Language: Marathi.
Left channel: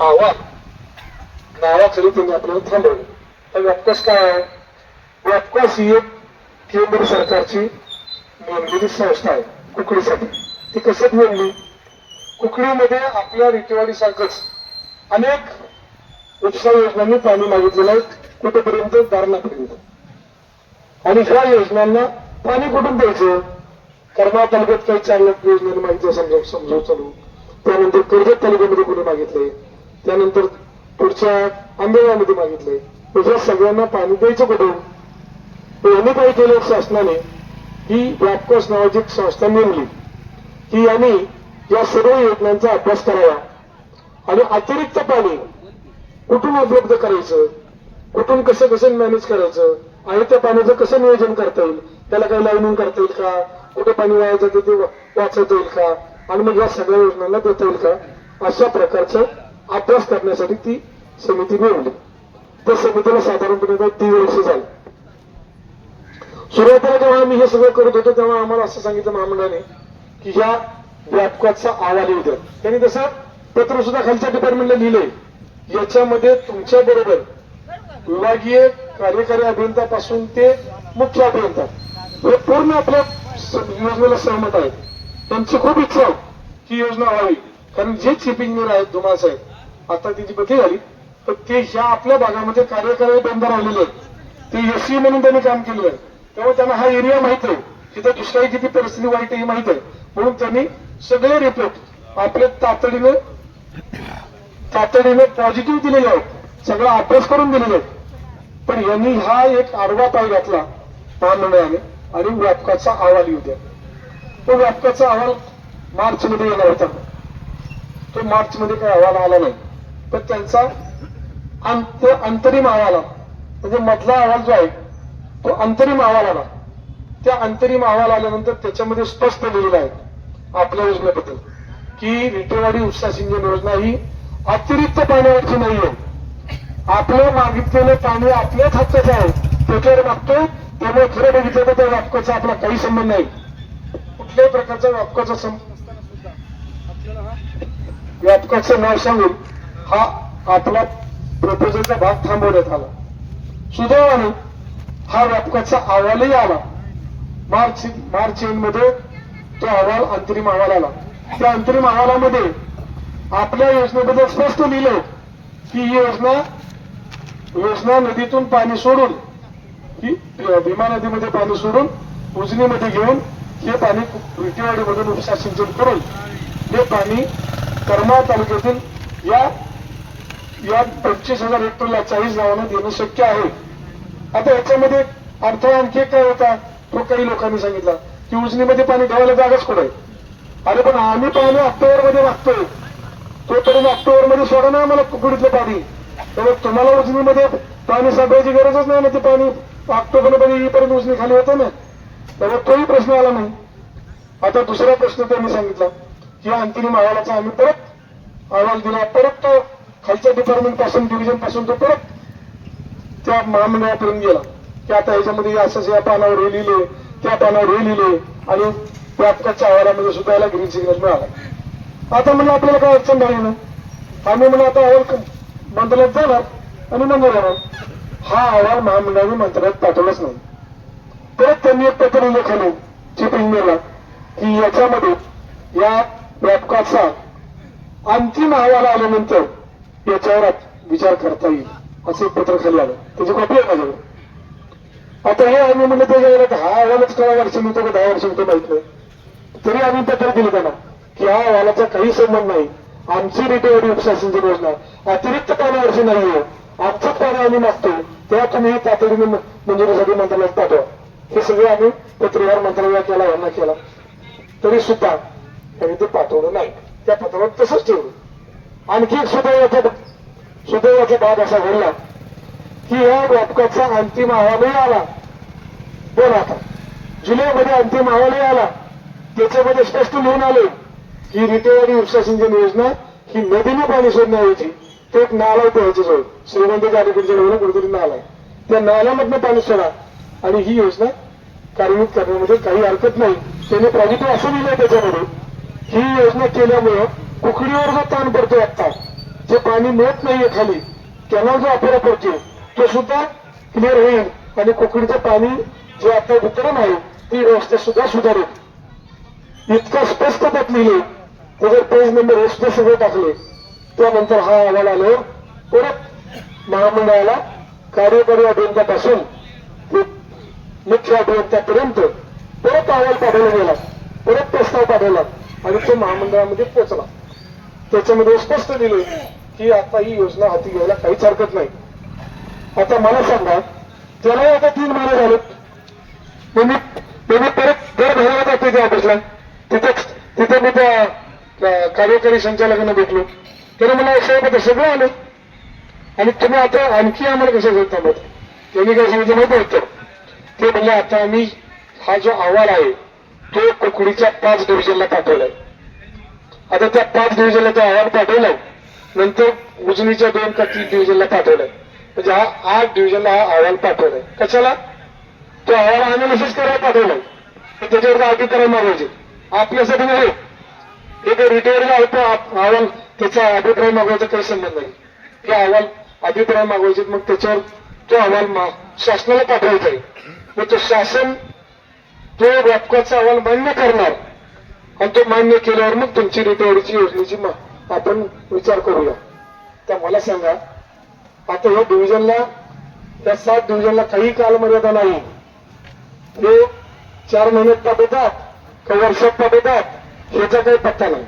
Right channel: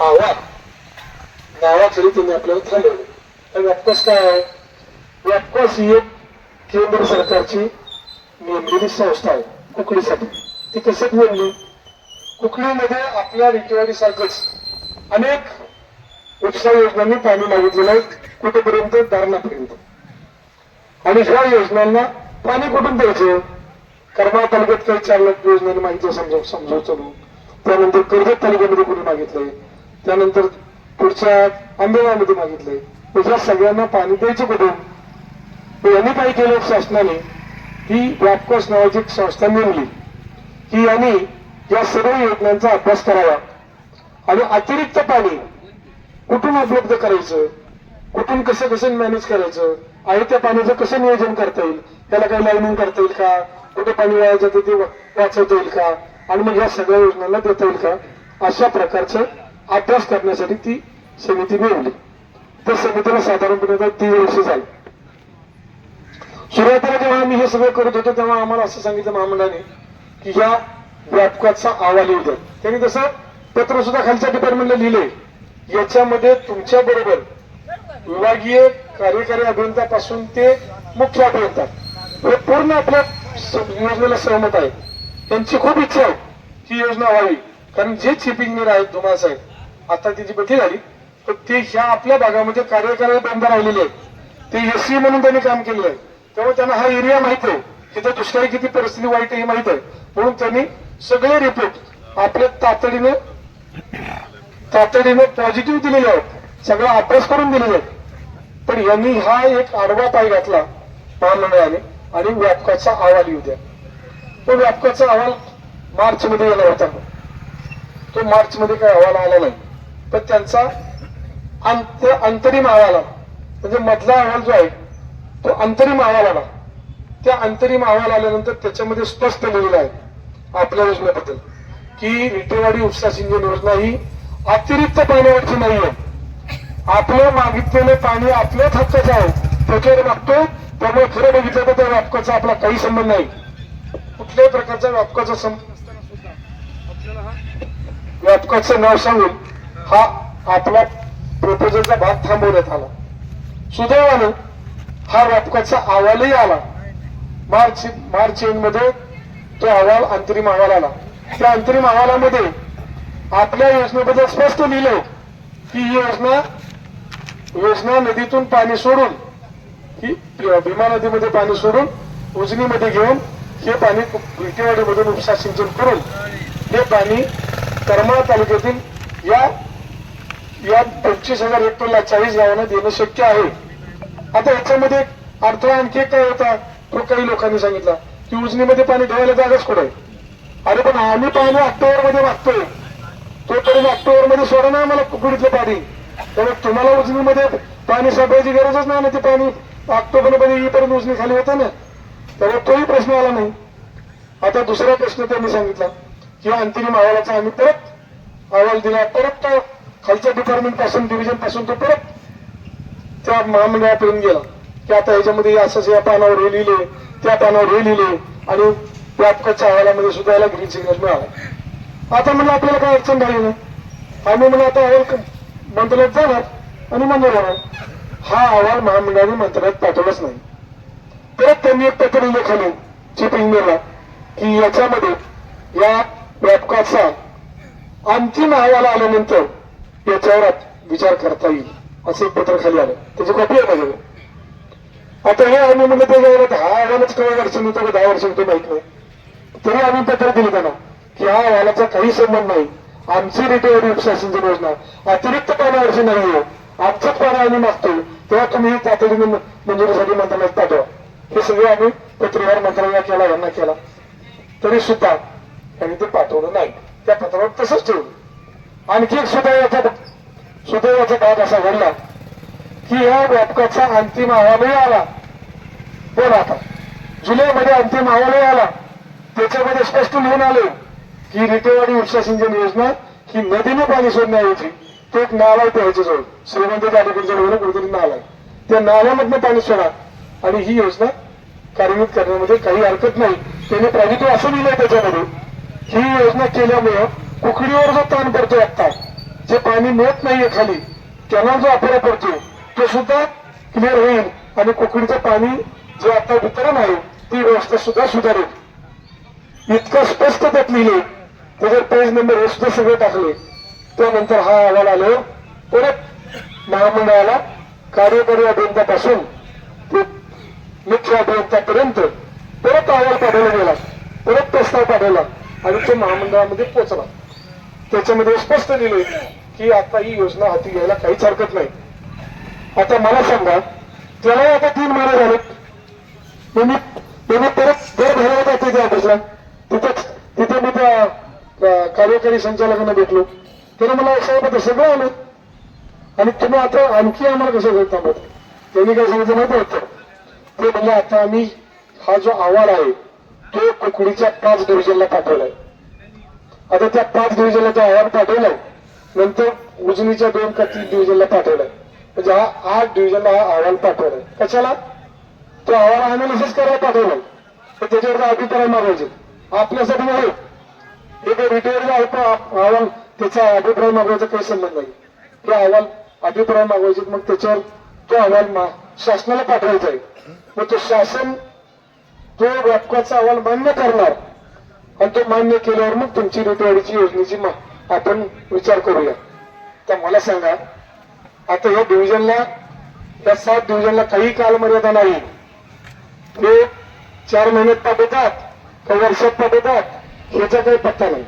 आव्हान नावाखाली त्यांनी आपल्याला थांबवलं तर व्यापकास काय आहे? व्यापकास ही एक केंद्र सरकारची नेमलेली संस्था आहे कुकडीसाठी ती कशात नेमली कुकडीमध्ये आपल्या रिकेवाडीसारखंच अनेक उपसा योजनांनी पाणी मागितलेलं आहे कुठेपर्यंत? दारणापर्यंत. आणि ह्या योजनांना पाणी कुठून द्यायचं? करमाळ तालुक्यात काही चार लाख योजनांनी मागितलं समजा समजावून चालू. त्यानंतर कर्जत तालुक्यामध्ये कुठे मागितलंय? त्यानंतर पुढच्या आंबेगावमध्ये मागितलंय तर सगळ्यांना पाणी द्यायचं कुठून? यांनी काय केलं शासनाने? ही व्यापकोस नावाची एक संस्था नेमली की यांनी या सर्व योजनांचा अभ्यास करावा. आणि अतिरिक्त पाणी कुठून उपलब्ध करायचं? कुठून कसं कसं मॅनेज करायचं? आहे त्या पाण्याचं कसं नियोजन करता येईल? त्याला काही लाईनिंग करता येईल का? कुठे पाणी वाया जाते ते वाचवता येईल का? आणि मग या सगळ्या योजनांना देता येईल का? अशा प्रकारचं अभ्यास करण्यासाठी ती समिती नेमली त्या समितीला साधारणपणे तीन वर्ष झाली. सुरुवातीला जेव्हा आम्ही हे सगळं करत होतो तेव्हा आम्हाला असं सांगितलं महामंडळाने की या व्यापकाचा अहवाल येऊ द्या. त्यांनी तसं पत्र सुद्धा खालच्या डिपार्टमेंटला लिहिले याच्यामध्ये तुमच्या बरोबर विभागीय कार्यकारी अभियंत्यापासून ते मुख्य अभियंता हे पूर्ण आपल्या योजनेला सहमत आहेत. त्यांची खूप इच्छा आहे ही योजना व्हावी. कारण जे चीफ इंजिनियर आहेत धुमाळ साहेब आता त्याची बैठक झाली तर ते ह्या आपल्या भागामध्ये कार्य करायला बंद राहिलेले आहेत ते एससी म्हणून त्यांनी काम केलेलं आहे. त्यामुळे त्यांना हा एरिया माहीत आहे. तिथं दुष्काळी किती परिस्थिती वाईट आहे हे माहीत आहे. म्हणून त्यांनी सगळे रिपोर्ट आपल्या तातडीने तातडीने पॉझिटिव्ह दिलेले आहेत. सगळा अभ्यास करून दिलेले आहेत. पण यांनी हा एक आडवा पाय घातला महामंडळाने आणि व्यापकाचा अहवाल येऊ द्या तो व्यापकाचा अहवाल मार्च मध्ये येणार होता. तो मार्च मध्ये काही अहवाल आला नाही. तर त्यांचा अंत अंतरिम अहवाला म्हणजे मधला अहवाल जो आहे तो अंतरिम अहवाल आला त्या अंतरिम अहवाल आल्यानंतर त्याच्यामध्ये स्पष्ट लिहिलं आहे आपल्या योजनेबद्दल की विटेवाडी उपसा सिंचन योजना ही अतिरिक्त पाण्यावरची नाहीये आपलं मागितलेलं पाणी आपल्याच हक्काचं आहे. त्याच्यावर मागतो त्यामुळे खरं बघितलं तर त्या व्यापकाचा आपला काही संबंध नाही. कुठल्याही प्रकारचा व्यापकाचा संबंध नसताना सुद्धा आपल्याला हा व्यापकाचं नाव सांगून हा आपला प्रपोजलचा भाग थांबवण्यात आला. सुदैवानं हा व्यापकाचा अहवालही आला. मार्च मार्च एंडमध्ये तो अहवाल अंतरिम अहवाल आला. त्या अंतरिम अहवालामध्ये आपल्या योजनेबद्दल स्पष्ट लिहिलंय की ही योजना योजना नदीतून पाणी सोडून ही भीमा नदीमध्ये पाणी सोडून उजनीमध्ये घेऊन हे पाणी विटेवाडीमधून उपसा सिंचन करून हे पाणी करमाळ तालुक्यातील या या पंचवीस हजार हेक्टरला चाळीस गावांना देणं शक्य आहे. आता याच्यामध्ये अडथळा आणखी काय होता तो काही लोकांनी सांगितला. की उजनीमध्ये पाणी ठेवायला जागाच कुठे? अरे पण आम्ही पाणी ऑक्टोबरमध्ये मागतोय. तोपर्यंत ऑक्टोबरमध्ये सोडा नाही आम्हाला कुकडीतलं पाणी. त्यामुळे तुम्हाला उजनीमध्ये पाणी साठवायची गरजच नाही ना ते पाणी. ऑक्टोबरमध्ये येईपर्यंत उजनी खाली होतं ना. त्यामुळे तोही प्रश्न आला नाही. आता दुसरा प्रश्न त्यांनी सांगितला की अंतिम अहवालाचा आम्ही परत अहवाल दिला परत तो खालच्या डिपार्टमेंटपासून डिव्हिजनपासून तो परत त्या महामंडळापर्यंत गेला. की आता ह्याच्यामध्ये असंच या पानावर हे लिहिले त्या पानावर हे लिहिले आणि व्यापकाच्या अहवालामध्ये सुद्धा याला ग्रीन सिग्नल मिळाला. आता म्हणजे आपल्याला काय अडचण नाही. ना आम्ही म्हणून आता अहवाल मंत्रालयात जाणार आणि मंजूर होणार हा अहवाल महामंडळाने मंत्रालयात पाठवलाच नाही. परत त्यांनी एक पत्र लिहिलं चीफ इंजिनियरला की याच्यामध्ये या व्यापकाचा अंतिम अहवाल आल्यानंतर याच्यावर विचार करता येईल असं एक पत्र खाली आलं. त्याची कॉपी आहे माझ्याकडे. आता हे आम्ही म्हणलं त्याच्यावर हा अहवालच कळा वर्ष मिळतो का दहा वर्ष मिळतो माहीत नाही तरी आम्ही पत्र दिलं त्यांना की हा अहवालाचा काही संबंध नाही. आमची रिटेवरी उपशासनची योजना अतिरिक्त पाण्यावरची नाही हो. आहे आमचंच पाणी आम्ही मागतो. तेव्हा तुम्ही तातडीने मंजुरीसाठी मंत्रालयात पाठवा. हे सगळे आम्ही पत्रव्यवहार मंत्रालयाला केला यांना केला. तरी सुद्धा आम्ही ते पाठवलं नाही. त्या पत्रावर तसंच ठेवलं. आणखी एक सुदैवाचा सुदैवाचा भाग असा घडला की या व्यापकाचा अंतिम अहवालही आला. बोला आता. जुलैमध्ये अंतिम अहवालही आला. त्याच्यामध्ये स्पष्ट लिहून आले की रितेवाडी उपसा सिंचन योजना ही नदीने पाणी सोडण्याऐवजी तो एक नाला आहे ह्याच्याजवळ श्रीमंत गाडीकडच्या जवळ कुठेतरी नाला आहे त्या नाल्यामधनं पाणी सोडा. आणि ही योजना कार्यान्वित करण्यामध्ये काही हरकत नाही. त्याने पॉझिटिव्ह असं लिहिलंय त्याच्यामध्ये. ही योजना केल्यामुळं कुकडीवर जो ताण पडतोय आता जे पाणी मिळत नाहीये खाली कॅनल जो आपल्याला पडतोय तो सुद्धा क्लिअर होईल आणि कुकडीचं पाणी जे आता वितरण आहे ती व्यवस्था सुद्धा सुधारेल. इतकं स्पष्ट त्यात लिहिले त्याच्यात पेज नंबर हे सुद्धा सगळे टाकले त्यानंतर हा अहवाल आलो परत महामंडळाला कार्यकारी अभियंत्यापासून ते मुख्य अभियंत्यापर्यंत परत अहवाल पाठवला गेला परत प्रस्ताव पाठवला आणि तो महामंडळामध्ये पोहोचला. त्याच्यामध्ये स्पष्ट दिले की आता ही योजना हाती घ्यायला काहीच हरकत नाही. आता मला सांगा त्याला आता तीन महिने झाले मी मी परत दर भरवत होते त्या ऑफिसला. तिथे तिथे मी त्या कार्यकारी संचालकांना भेटलो. त्याने मला साहेब सगळं आलं आणि तुम्ही आता आणखी आम्हाला कसं घेत थांबत त्यांनी काय सांगितलं माहिती होतं ते म्हणजे आता आम्ही हा जो अहवाल आहे तो कुकडीच्या पाच डिव्हिजनला पाठवलाय. आता त्या पाच डिव्हिजनला तो अहवाल पाठवलं नंतर उजनीच्या दोन का तीन डिव्हिजनला पाठवलं म्हणजे हा आठ डिव्हिजनला हा अहवाल पाठवलाय. कशाला? तो अहवाल अनालिसिस करायला पाठवलाय. तर त्याच्यावर अभिप्राय मागायचे आपल्यासाठी नाही. एक काही रिटायर्ड आहे तो अहवाल त्याचा अभिप्राय मागवायचा काही संबंध नाही. ते अहवाल अभिप्राय मागवायचे मग त्याच्यावर तो अहवाल शासनाला पाठवायचा आहे. मग तो शासन तो व्यापकाचा अहवाल मान्य करणार. आणि तो मान्य केल्यावर मग तुमची रिटायरीची योजनेची आपण विचार करूया. तर मला सांगा आता या डिव्हिजनला या सात डिव्हिजनला काही कालमर्यादा नाही. हे चार महिन्यात पाठवतात काही वर्षात पाठवतात ह्याचा काही पत्ता नाही.